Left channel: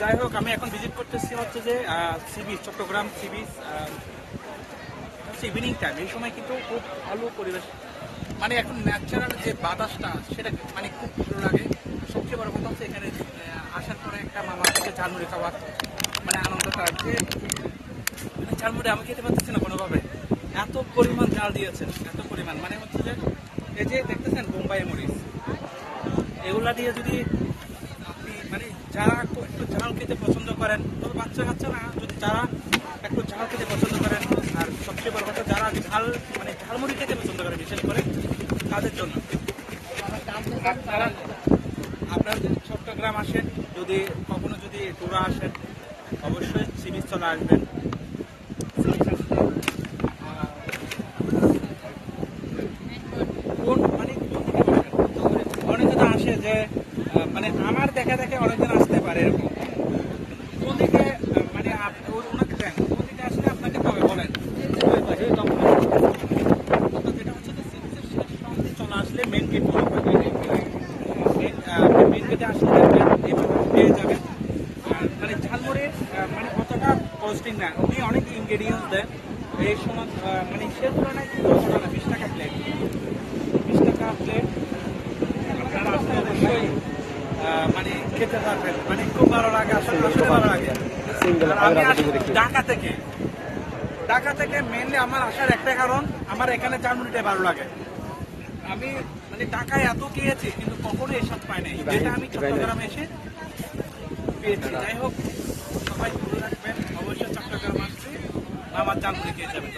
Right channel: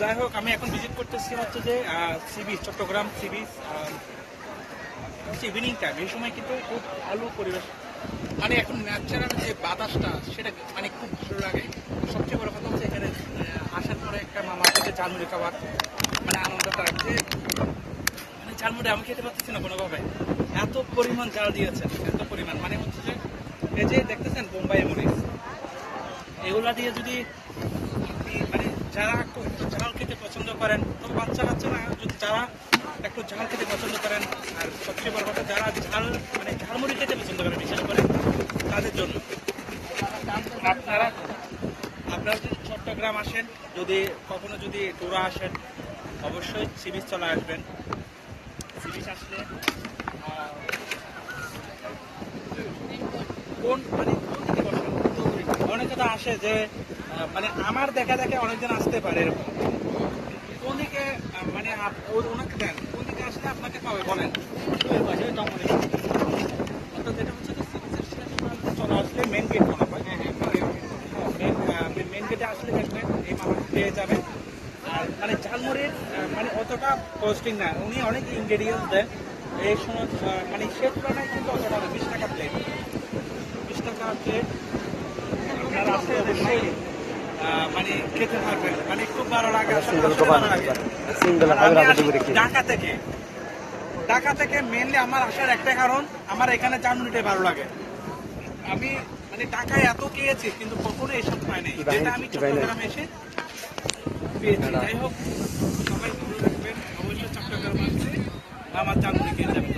যাই হোক, আমি এখন ভিজিট করতেছি হচ্ছে যে sea beach, Chittagong sea beach. Evening time, এই সময় কিন্তু খুব ভালো পরিবেশ, মানে এখন ন্যাচারাল যে বাতাসটা সেটা মানে খুব ভালো লাগে। সবচেয়ে বড় কথা হচ্ছে এখানে আসার পরে একটা মামার কাছে ঝালমুড়ি খাবার মানে আনন্দটা, যে মানে ঝালমুড়ি আমি খেতে পারতেছি না কোনোভাবে, এত পরিমাণ ঝাল দিয়েছে, এত পরিমাণ, মানে হচ্ছে যে এই যে দেখতেছেন বোম্বাই মরিচ, এগুলা দিয়ে যদি আপনি মানে যারা একটু ঝাল খেতে পছন্দ করেন, তবে বাচ্চা কাচ্চা না, যদি যারা একটু ঝাল খেতে পছন্দ করেন, আর সবচেয়ে বড় কথা যারা ঝাল মানে ঝালমুড়ি খেতে পছন্দ করেন বিশেষ করে তাদের জন্য, আপনারা যদি চট্টগ্রাম আসেন, যদি কখনো যদি ট্যুরে আসেন, অবশ্যই সি বিচ চলে আসবেন। সি বিচ আসলে অনেকে তো আসে যে মানে আমার দেখা দেখে অনেকজন আসতে পারে এরকম, কোন দিকে মানে ওনাকে দেন কোন দিকে আসলে আপনাকে তবে বলেন। তো যেটা হচ্ছে যে চলে আসলে মেন গেট মেন গেটে আসলে পেয়ে যাবেন। মানে ঝালমুড়ির মানে অতটা কস্টিং না, উনি অনেক ইনগ্রেডিয়েন্টস দেন এই সময়, মানে সে তুলনায় কিন্তু 20 টাকা প্লেট, 20 টাকা প্লেট আপনারা আসলে অবশ্যই মানে খেতে পারবেন, মানে খুব ভালো লাগে। ঢাকা থেকে মেনলি আমার আসার একটা কারণ, আমার এখানে ঝালমুড়িটাই ভালো লাগে। আমি মানে ঢাকায় এত খেয়েছি কিন্তু কখনো এসব পাই নাই, যেটা আমি চট্টগ্রামে এসে পেয়েছি। যাই হোক, সবাই ঘুরে রাখবেন অবশ্যই, চট্টগ্রাম আসলে আমার ঝালমুড়ি খেয়ে যাবেন।